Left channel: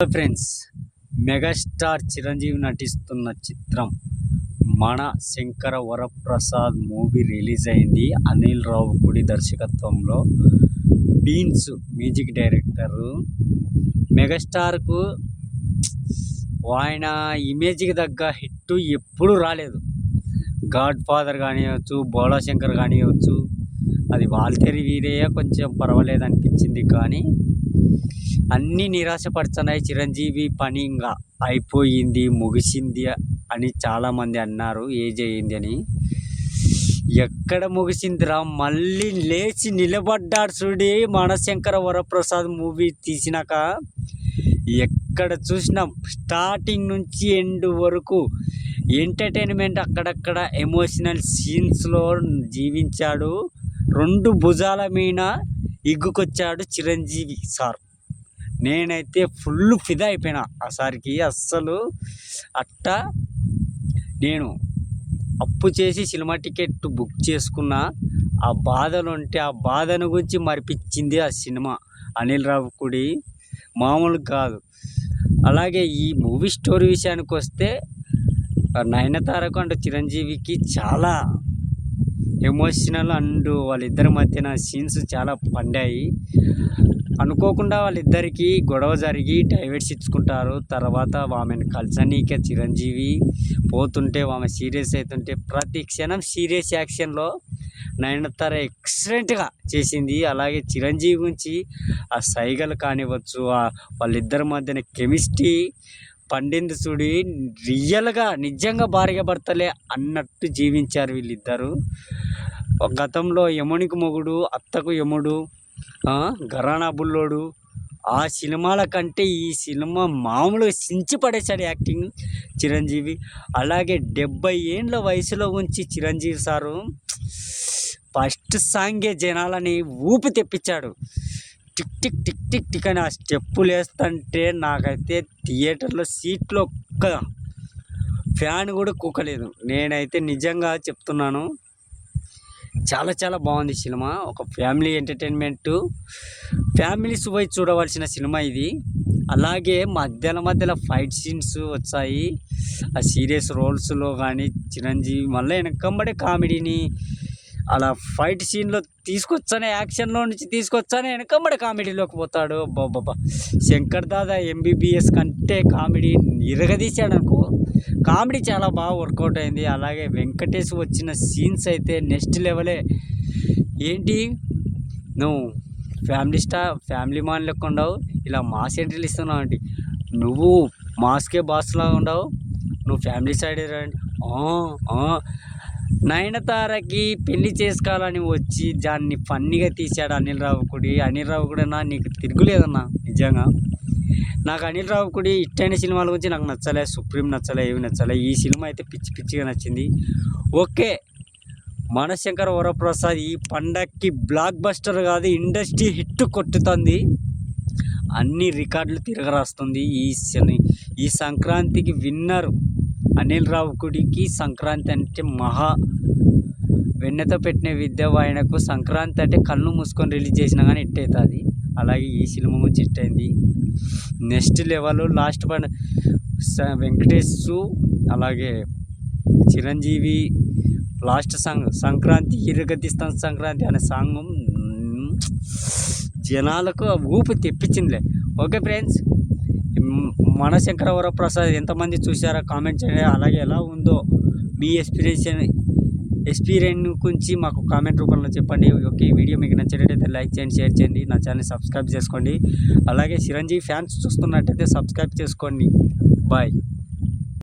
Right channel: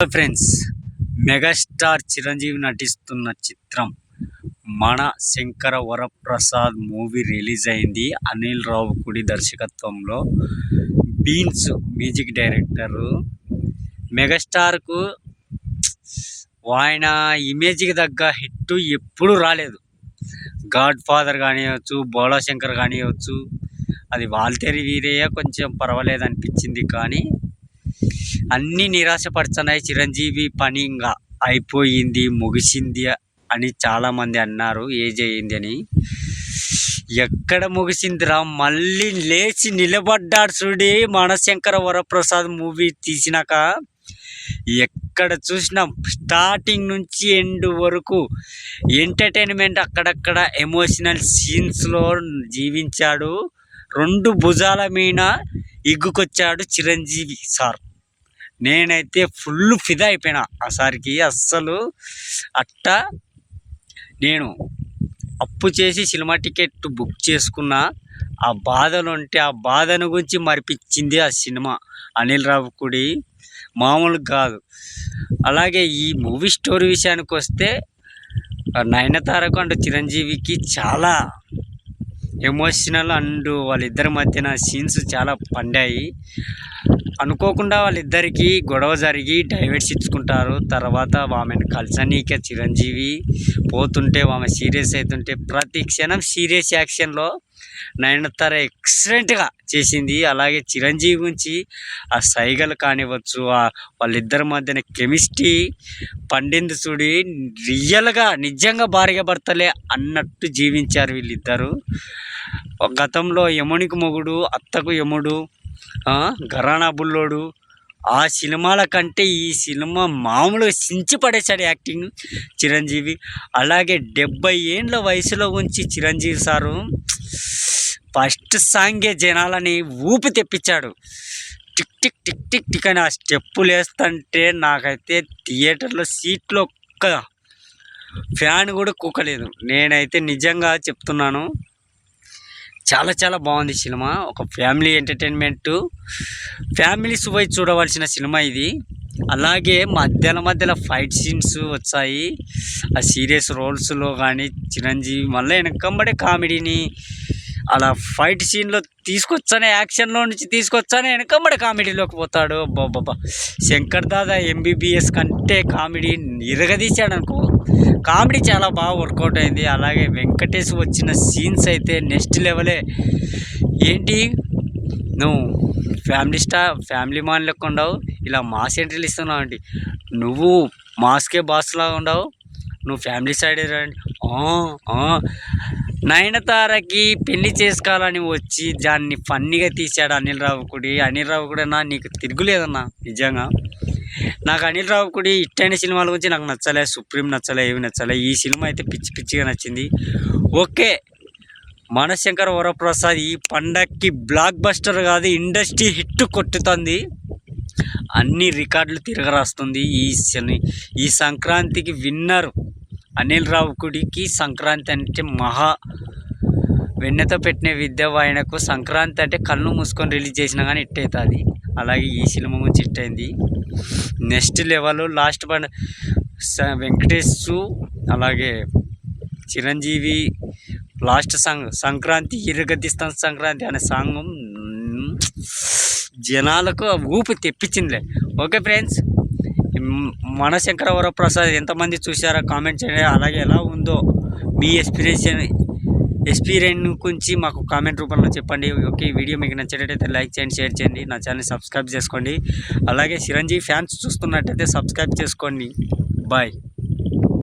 Friends megastar Chiranjeevi నటిస్తున్న చిత్రం మన శంకర వరప్రసాద్ మూవీ రిలీజ్ అయింది. అనిల్ రావు కుడి దర్శకత్వంలో బీన్స్ మ్యూజిక్ డైరెక్టరు మెగాస్టార్కు ఆయన ఇమేజ్కి తగ్గ హిట్ ఎప్పుడు రాలేదు. గాడ్ ఫాదర్ కానివ్వచ్చు బోళాశంకర్ కానివ్వచ్చు అది వాల్తేరి వీరయ్య కొంచెం పర్వాలేదు అనిపించింది కానీ అన్నీ నిరాశపడుతున్నాయి చిరంజీవి. పని ఇంకా అయిపోయింది ముగిసింది అని చాలామంది అన్నారు. ఏజ్ అయ్యింది అని. ఎక్కడ ముగిసిందిరా? మళ్ళీ లేచి నిలబడ్డాడు చూడి. మనశంకర వరప్రసాద్ మూవీ తీసినాక ఎక్కడ చూసినా? స్టార్టింగ్ నుంచి ఎండ్ వరకు ఎంటర్టైన్మెంట్ అక్కడక్కడ ఎమోషనల్ సీన్స్లో జీవించాడు. రెండు భుజాల మీద ఇగ్గుకొచ్చాడు చిరంజీవి సార్. నేనైతే ఫుల్ ఫిదా అయిపోయినా ఆ సార్కి. అస్సలు అట్ట నేను అప్పు చేసి సినిమా టికెట్ బుక్ చేసుకున్న. ఆ బాధలు ఉంటే ఆ బాధను గురించి మరిపించింది ఆ సినిమా అనిల్ రావుకుడి మామూలు కాదు. అలాగే ఈ మూవీ స్టోరీ విషయానికి వస్తే నయనతారకు అండ్ చిరంజీవికి చాలా ఎమోషనల్ అండ్ వాళ్ళిద్దరి మధ్యన సీన్స్ చాలా పండాయి. అనుకోకుండా వాళ్ళిద్దరికీ గొడవ జరిగి డైవర్స్ ఇచ్చుకుంటారు. తర్వాత ఆమెను కలిసనీక చిరంజీవి పోతుంటే ఆమె సీరియస్ అవుతుంటే ప్రతి క్షణం సీరియస్ యాక్షన్లో నయనతార ఎక్సలెంట్గా చేసింది. అలాగే చిరంజీవి గురించి ఆ సైగలు కానివ్వచ్చు వాళ్ళిద్దరి మధ్యన కెమిస్ట్రీ పండింది చూడి రియల్గా నిజంగా భార్య భర్తలే అన్నట్టు జీవించారు వీళ్ళిద్దరు. గతంలో యమునికి మొగుడు అత్తకు యముడు గరానా బుల్లోడు. ఆ సినిమాల కంటే ఈ సినిమా మామూలుగా సించి పడేశాడు యాక్టింగ్ చిరంజీవి. అలాగే డెబ్బై ఏండ్ల వయసులో ఉంచి చిరంజీవి సారు ఫస్ట్ సాంగే జనాలని ఊపి తెప్పించాడు. Tick tick tick tick tick అని ఆ స్టెప్పులు వేస్తుంటే నాకైతే థియేటర్లో సీట్లో ఒక్క ఫ్యాన్ కూడా కుక్కలేదు. నేనైతే నిజంగా చెప్తున్నాను చాలా చాలా బాగుంది సినిమా. ఒక ఫ్యామిలీ ఎంటర్టైన్మెంట్. ఫ్యామిలీస్ పోయి చూడవలసిన సినిమా ఇది. అలాగే మధ్యలో మధ్యలో ఫైట్ సీన్స్ వచ్చాయి. ఆ సీరియస్ రోల్స్లో కానీ చిరంజీవి మళ్ళీ వెనకంబడే కామెడీని అలా ఫైట్ సీన్లో తీసుకొచ్చానే యాక్షన్లో నుంచి తీసుకొచ్చానే వెనకమ్మడి కామెడీలోకి పోతాడు. బాబా శంకర్ దాదా ఎంబీబీఎస్ కంటే కామెడీ ఇరగదీశాడు అనుకో కామెడీ చాలా బాగా వర్కౌట్ అయింది. అలాగే వెంకటేష్ వచ్చిన సీన్స్ అయితే నెక్స్ట్ లెవెలే. ఏంటి? నువ్వు ఫ్యామిలీ స్టార్ ఫ్యామిలీ మాన్ లెక్క ఉండవు. ఇలా మాస్ ఎంట్రీలు ఇస్తున్నావు అండి. నువ్వు మాస్కే బాస్లా ఉండవు. నువ్వు ఫ్యామిలీ సైడ్ రండి. నయనతారకి పెళ్ళి చేసుకోవాలని వచ్చి దాన్ని ఫన్నీగా తీశాడు అనిల్ రావు కూడా. అనిల్ రావు కూడా నీకు తిరుగులేదన్నా. నిజంగా. నాకు అనిల్ రావుకుడి ఇట్టైన సినిమాల గురించి నాకు నచ్చలే సుప్రీం నచ్చలే ఏమి నచ్చలే. ఈ సినిమా అయితే పిచ్చి పిచ్చిగా నచ్చింది. ఓకే మనశంకర్ వరప్రసాద్ ఈ పండక్కి బ్లాక్ బస్టర్ కాదు ఇండస్ట్రీ హిట్ కొట్టుతుంది. అన్ని రికార్డులు తిరగరాస్తుంది. ఈ ఈ సంక్రాంతికి విన్నర్ అనిల్ రావుకుడికి సంక్రాంతి అంటే మహా వెన్నెతో పెట్టిన విద్య ఆయనకు సంక్రాంతి అంటే కళ్ళు మూసుకొని రిలీజ్ చేసినా కానీ హిట్ అవుతుంది. అలాగే ఈ సినిమా చిట్ హిట్ అయింది. నెక్స్ట్ లెవెల్ లాస్ట్ పడ వెంకటేష్ అలాగే చిరంజీవి లాస్ట్ సాంగ్ సంక్రాంతి ఇరగదిస్తాం సంక్రాంతి అనే సాంగ్ జనాలకు ఊపు తెప్పించిందిలే. ఓకే ఫ్రెండ్స్ మన శంకరవరప్రసాద్ ఎంతమంది చూసారో కామెంట్ చేయండి. అలాగే ఎలా ఉందో మీ ఎక్స్పీరియన్స్ ఎక్స్పీరియన్స్ గురించి మాకు కామెంట్ రూపంలో చెప్పండి. ఓకే ఈ వీడియో మీకు నచ్చినట్టయితే లైక్ చేయండి షేర్ చేయండి. నా ఛానల్ సబ్స్క్రైబ్ చేసుకోండి. అలాగే చిరంజీవి ఫ్యాన్స్ చూస్తున్నట్టయితే సబ్స్క్రైబ్ చేసుకోండి. బాయ్.